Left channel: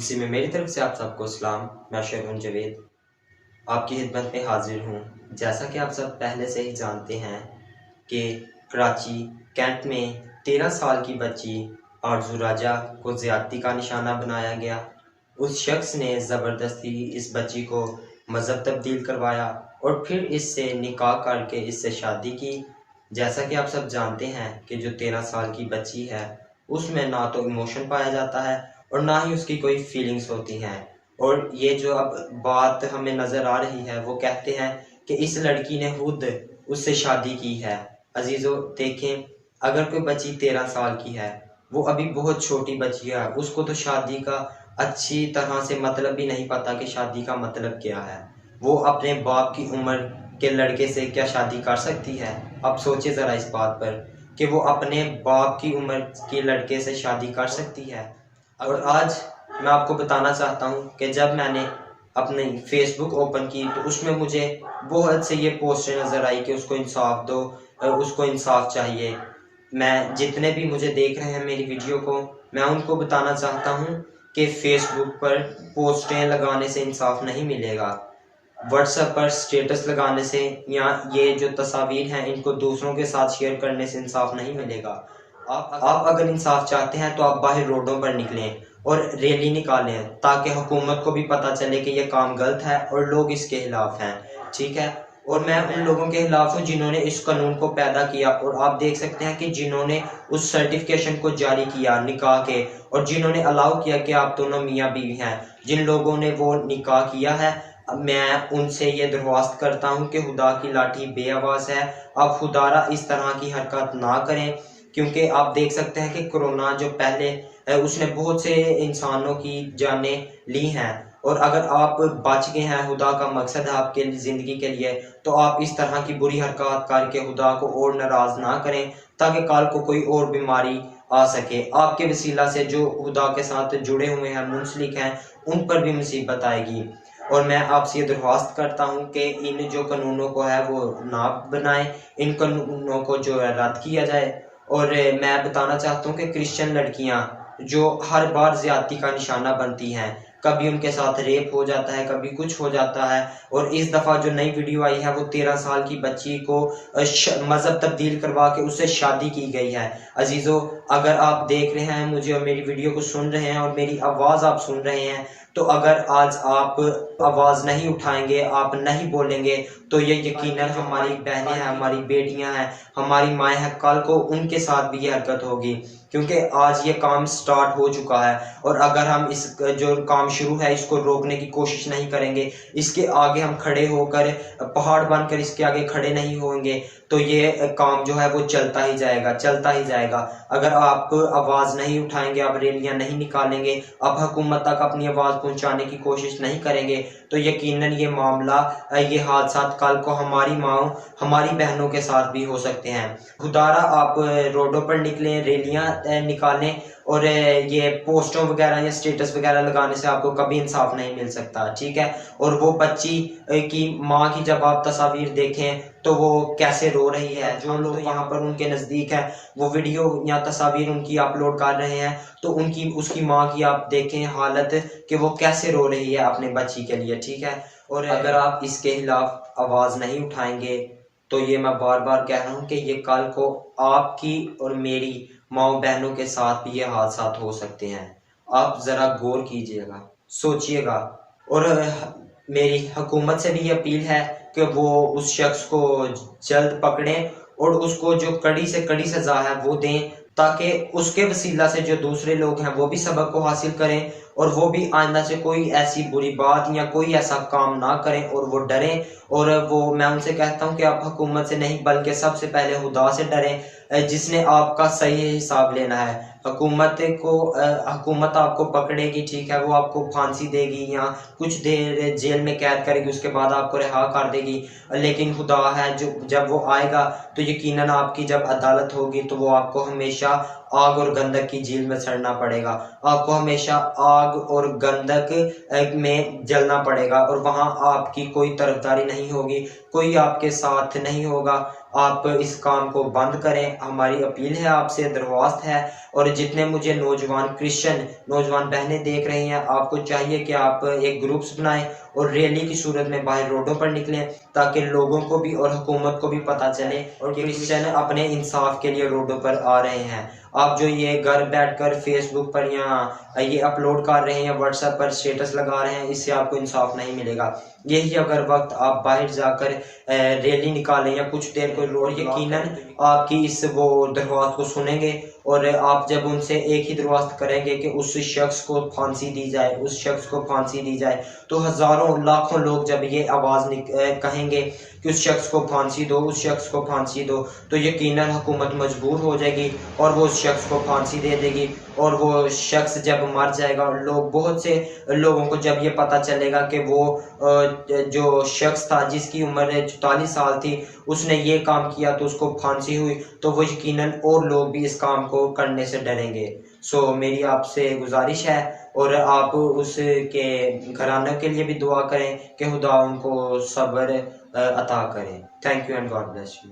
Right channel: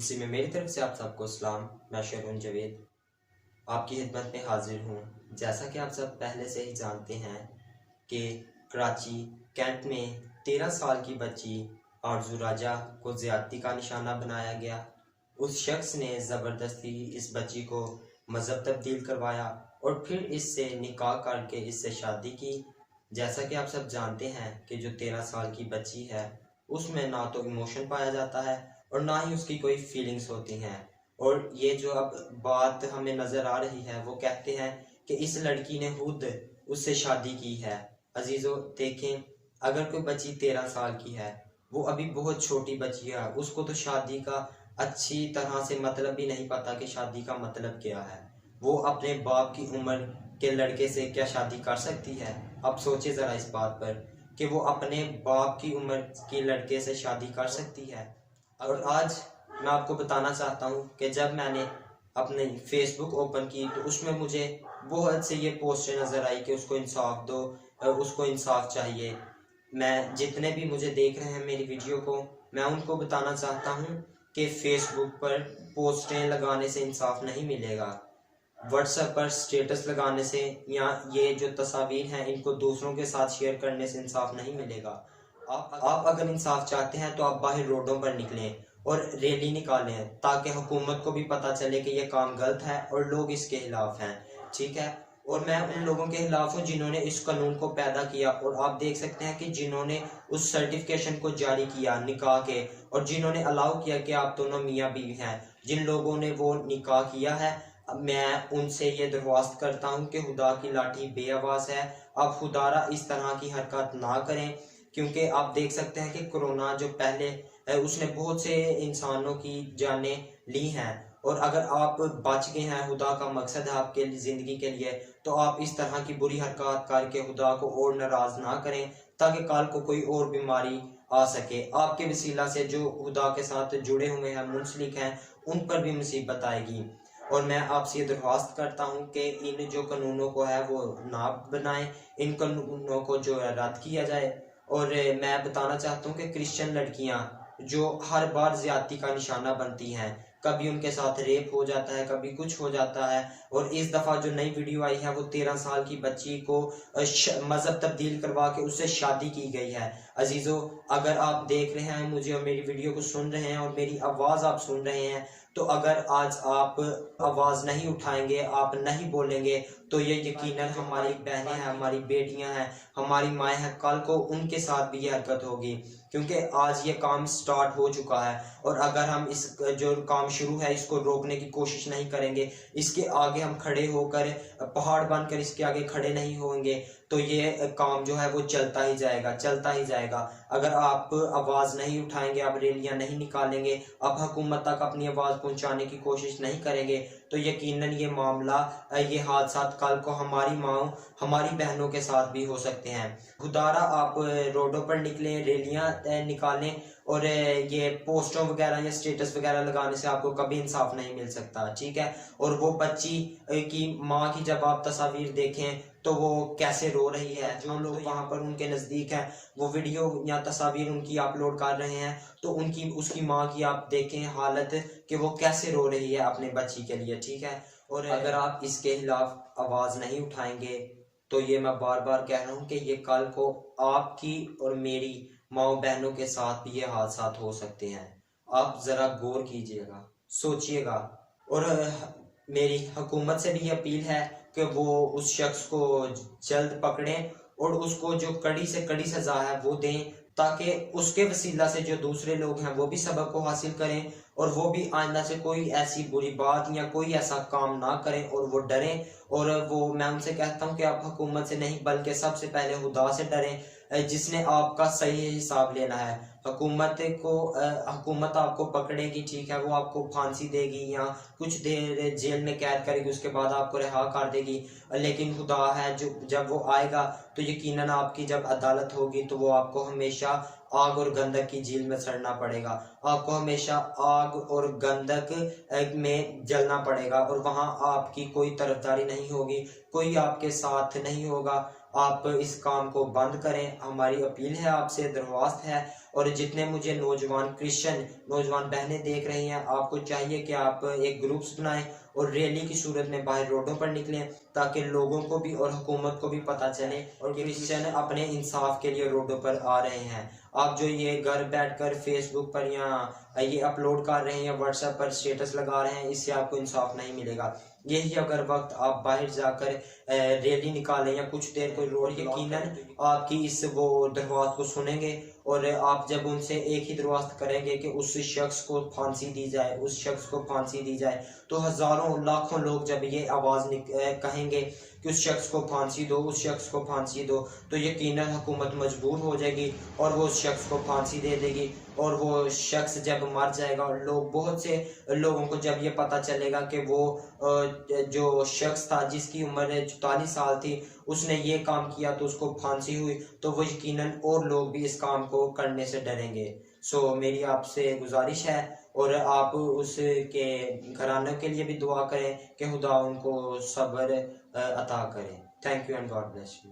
इसी में मेरी तरफ से आप सबको सलाम। मैं शेरवन जवेद आपकी खिदमत में हाजिर हूँ। जैसा कि आप सब पहले से ही जानते हैं कि कराची कैंट में 13 साल की बच्ची आरजू राजा को ज़्यादती का निशाना बनाया गया। उस शख्स ने ज़बरदस्ती इस बच्ची को मज़हब तब्दील करवाया और फिर इससे निकाह करके इससे शादी की। जैसा कि आप सब जानते हैं कि जो 13 साल की बच्ची है उसमें ना तो इमोशन पाया जाता है और ना ही उसकी कोई फीलिंग्स होती हैं। और ये जो अब बात हमें नज़र आ रही है वो कहते हैं कि इस लड़की ने खुद उससे शादी की है। अजीज़ों देखें, अगर कोई बच्ची 13 साल की है, वो अभी बहुत छोटी बच्ची है, उसको तो शादी का अच्छी तरह से मतलब भी नहीं पता कि शादी का मतलब क्या है। वो अपने बाप की उम्र के लड़के से क्या शादी कर सकती है? आप सोचिए ज़रा इस बात पर कि वो अपने बाप की उम्र के लड़के से शादी कर सकती है। और आज मैं आपको बताना चाहता हूँ कि जब मैंने अपनी फेसबुक ओपन की तो उसमें मुझे बहुत से ये पोस्टें नज़र आई कि उसको इंसाफ दो, उसको इंसाफ चाहिए। मैं जितने भी मुझे देख रहे हैं मेरी वीडियो को, मैं उनको बताना चाहता हूँ कि फेसबुक पर पोस्टें लगाने से इंसाफ नहीं मिलेगा। व्हाट्सएप पर स्टेटस लगाने से या ये जो तस्वीर हैं इनको दूसरों के साथ शेयर करने से इंसाफ नहीं मिलेगा। आप अगर इंसाफ चाहते हैं तो आप बाहर रोडों पर निकलें और रैली निकालें ताकि हुकूमत को भी पता चले कि ये काम गलत है और लोग इसके खिलाफ हैं। ठीक है। और मैं उन लोगों के खिलाफ हूँ जिन्होंने इस कानून को पैदा किया और आप देख सकते हैं कि जिन्होंने उस सर्टिफिकेशन को जारी किया निकाह के और जिन्होंने अलाउ किया कि आप दोनों मियाँ बीवी हैं, जिन लोगों ने वो निकाह किया है, मैं उनसे ये दरख्वास्त करता हूँ कि खुदा की लाठी बेआवाज़ है। आप खुदारा इस तरह की हरकत ना करें, क्योंकि आप देख सकते हैं कि कोरोना जो पहले उसने बहुत से इंसानों की जानें ली हैं। और अगर आप बच गए हैं, खुदा का मकसद है आपके ज़िंदगी के लिए, तो आप इस तरह की बुरी हरकत करके खुदा को और नाराज़ ना करें ताकि कल को कोई और बीमारी आ सके। आपके वसीला से जो खुदा के साथ जुड़े हुए हैं, मुंसलिक हैं, उन पर भी मुसीबत आएगी। और मैं आपसे ये दरख्वास्त करता हूँ कि इन जो कानूनों को है वो ना बनाएं, इन कानूनों को जो है रद्द किया जाए। और मैं बताना चाहता हूँ कि क्रिश्चियन लड़कियाँ जो हर बार ज़्यादती का निशाना बनती हैं, कभी उनके साथ रेप हो जाता है, कभी कुछ हो जाता है। और इस दफ़ा जो नई वीडियो आई है वो 13 साल की बच्ची को मज़हब तब्दील करवा के उससे शादी की गई है। अजीज़ों, अगर आप देख रहे हैं मुझे और मेरी वीडियो को सुन रहे हैं और मेरी आवाज़ आप सुन रहे हैं, तो अगर आज आप आवाज़ नहीं उठाएंगे, आप नहीं बोलेंगे, तो ये यकीनन हमारी बहनें हैं, हमारी बेटियां हैं, हमारी माएँ हैं, कल को उनके साथ भी ये हरकत होगी। क्योंकि आज ये काम स्टार्ट हो चुका है और अगर हम इस जो काम शुरू है इसको रोकने की कोशिश नहीं करेंगे, इसके आगे हम खड़े होकर पहाड़ बनकर इसके आगे खड़े नहीं होंगे, तो ये काम जो है वो चलता ही जाएगा, चलता ही जाएगा। अगर आप आवाज़ नहीं उठाएंगे, आप रैलियां नहीं निकालेंगे, आप हुकूमत तक अपनी आवाज़ पहुंचाने की कोशिश नहीं करेंगे, तो यकीनन ये मामला, ये हादसा कल को हमारी माँओं, हमारी बहनों के साथ भी हो सकते हैं। खुदारा आप रोडों पर निकलें, रैलियां निकालें और ये पोस्टों वगैरह या स्टेटस वगैरह लगाने से आपको कभी इंसाफ नहीं मिल सकता। ठीक है। और वो बच्ची की माँ की जब आप तस्वीर देखें तो वो कैसे रो रही है, जो लोग वहाँ पर उनके नज़दीक है वो वीडियो या तस्वीर उनकी अपलोड कर रहे हैं, तो उनकी उसकी माँ की आप देखें हालत कि वो कैसे रो रही है अपने बच्ची के लिए। ठीक है। और अगर आप इसके खिलाफ आवाज़ नहीं उठाएंगे तो ये मैं बार बार कह रहा हूँ कि ये कल को आपकी और मेरी माँ बहनों के साथ भी ये हादसा हो सकते हैं। आप ज़रा गौर कीजिएगा, सोचिएगा। और मेरी हुकूमत से भी ये अपील है कि वो उस शख्स को जल्द पकड़ें और उसको जो कड़ी से कड़ी सज़ा है वो दें, ताकि उसके वसीला से जो दूसरे लोग हैं वो भी सबक को हासिल करें और वो भी आइंदा से कोई ऐसी बुरी बात या कोई ऐसा काम ना करें और वो डरें। और वो मैं उनसे कहता हूँ कि आप हुकूमत से नहीं बल्कि सबसे पहले खुदा से डरें, जिसने आपका सही हिसाब लेना है। हुकूमत आपको पकड़ेगी, ठीक है, वो आपको फांसी देगी या कुछ देर जेल में कैद करेगी, उसके बाद आपको रिहा कर देगी। लेकिन खुदा है जो जब वो आएगा तो यकीनन आपकी जब अदालत होगी तो वो आपको हमेशा आग और गंधक की झील में सड़ना पड़ेगा। आपको हमेशा आग और गंधक में जलना पड़ेगा और वहाँ आपकी कोई तरफदारी नहीं होगी, कोई आपके साथ नहीं होगा। आप इस काम को बंद करें, हमारी अपील है आपसे, दरख्वास्त है। और जितने मुझे नौजवान क्रिश्चियन नौजवान बहनें देख रही हैं, आपको चाहिए कि आप एक ग्रुप्स बनाएं और रैली की सूरत में बाहर रोडों पर निकलें, ताकि लोगों को भी और हुकूमत को भी पता चले और क्रिश्चियन अपने इंसाफ के लिए रोडों पर आ रहे हैं। आप जो ये घर बैठकर फेसबुक पर या ये अपलोड कर रहे हैं, व्हाट्सएप पर स्टेटस लगा रहे हैं, इससे आपको इंसाफ नहीं मिलेगा। यही अगर वक्त आप बाहर जाकर रैली निकालें या कुछ देर को रोड, यकीनन आपकी इस वो दरख्वास्त को सुनेंगे और आप जब उनसे एक ही दरख्वास्त करेंगे कि उस शख्स को फांसी दी जाए, उस शख्स को फांसी दी जाए, तो हज़ारों लाखों लोग जब ये आवाज़ कहेंगे कि उस शख्स को फांसी दो, उस शख्स को फांसी दो, तो यकीनन हुकूमत मजबूर हो जाएगी और वो उस शख्स को फांसी दे देगी। और वो शख्स जब मर जाएगा, लोग बहुत से लोगों को जब ये पता चलेगा कि वो जो शख्स था जिसकी उम्र 44 साल थी, उसने ये काम किया तो उसको फांसी हुई, तो वो यकीनन और लोग भी इस काम को करने से डरेंगे। सो मेरी आपसे गुजारिश है और आप उसके घरानों के लिए भी दुआ करें कि खुदा उनको सब्र अता करें। Thank you and God bless you.